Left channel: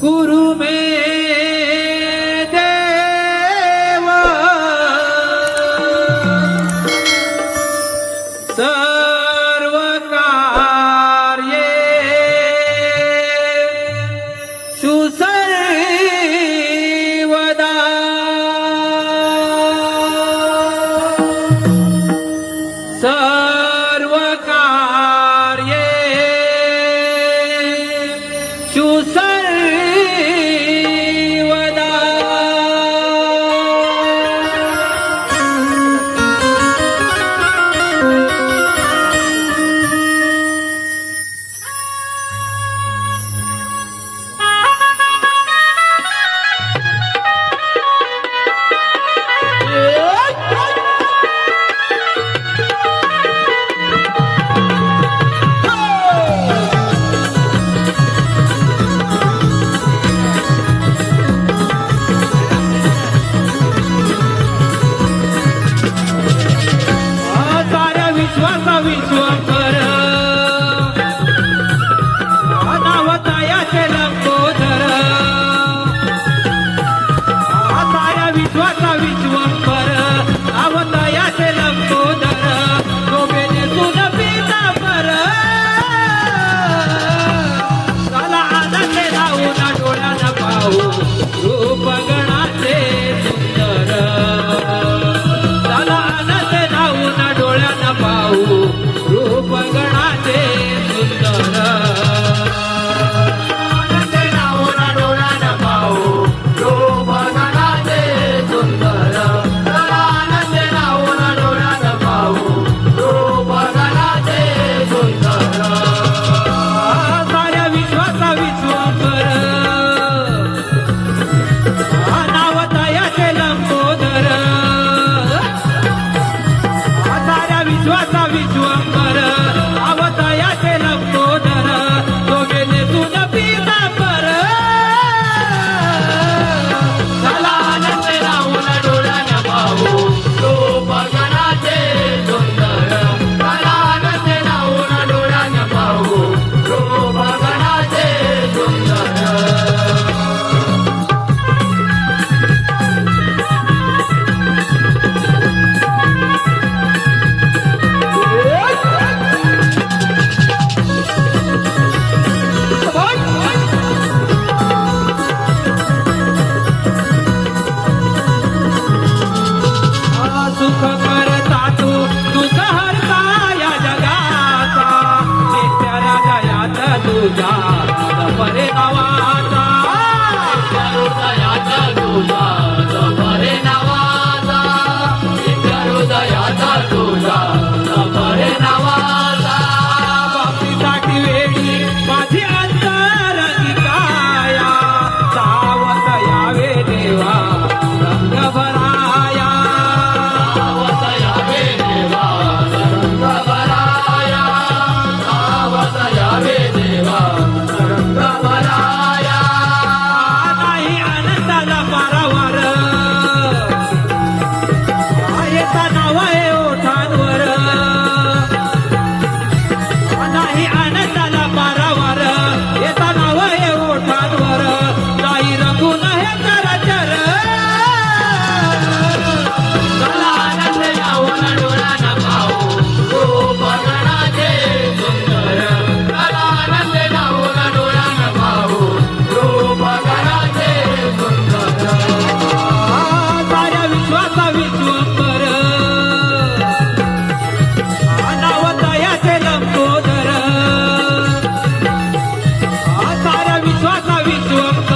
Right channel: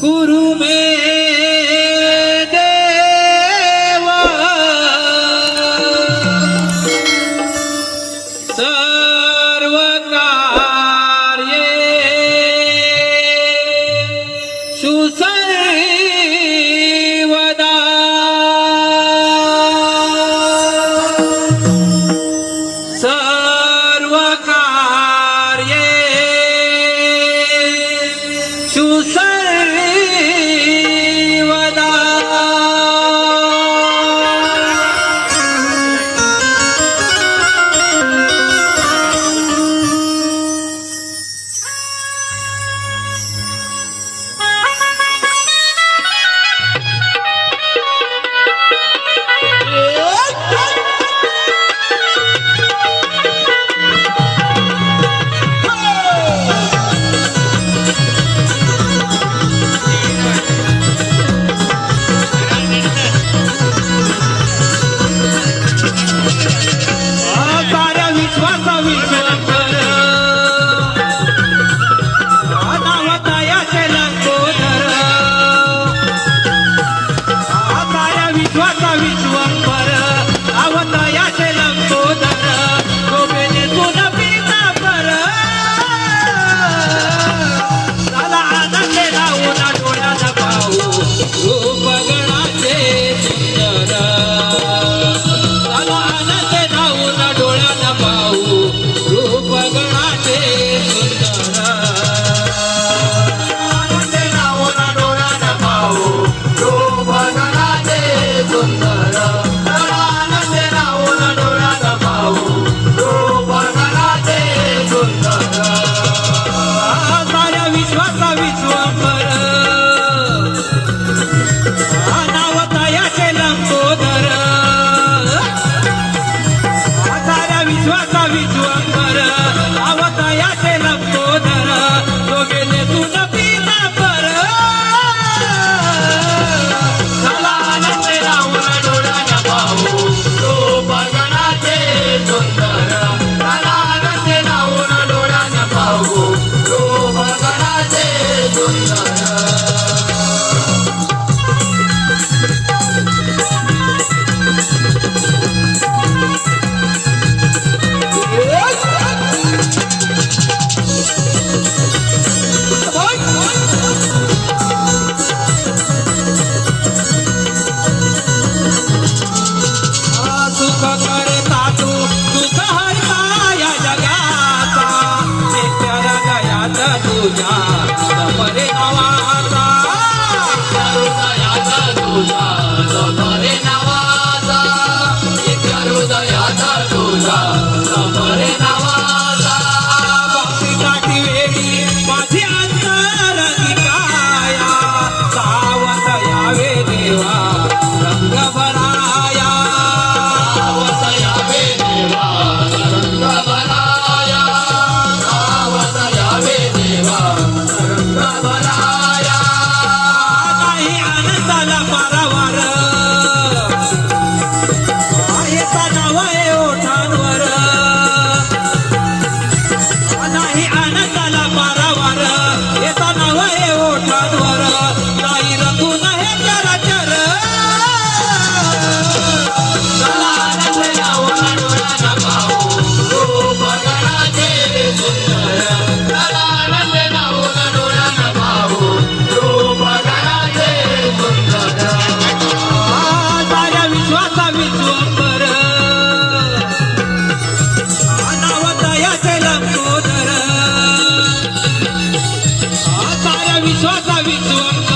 कुरु मे देवा। सर्व कार्ये सुसर्वदा सर्व तुझ्या सफरे नावाचा हृदयाचा तुझ्या Sada vidim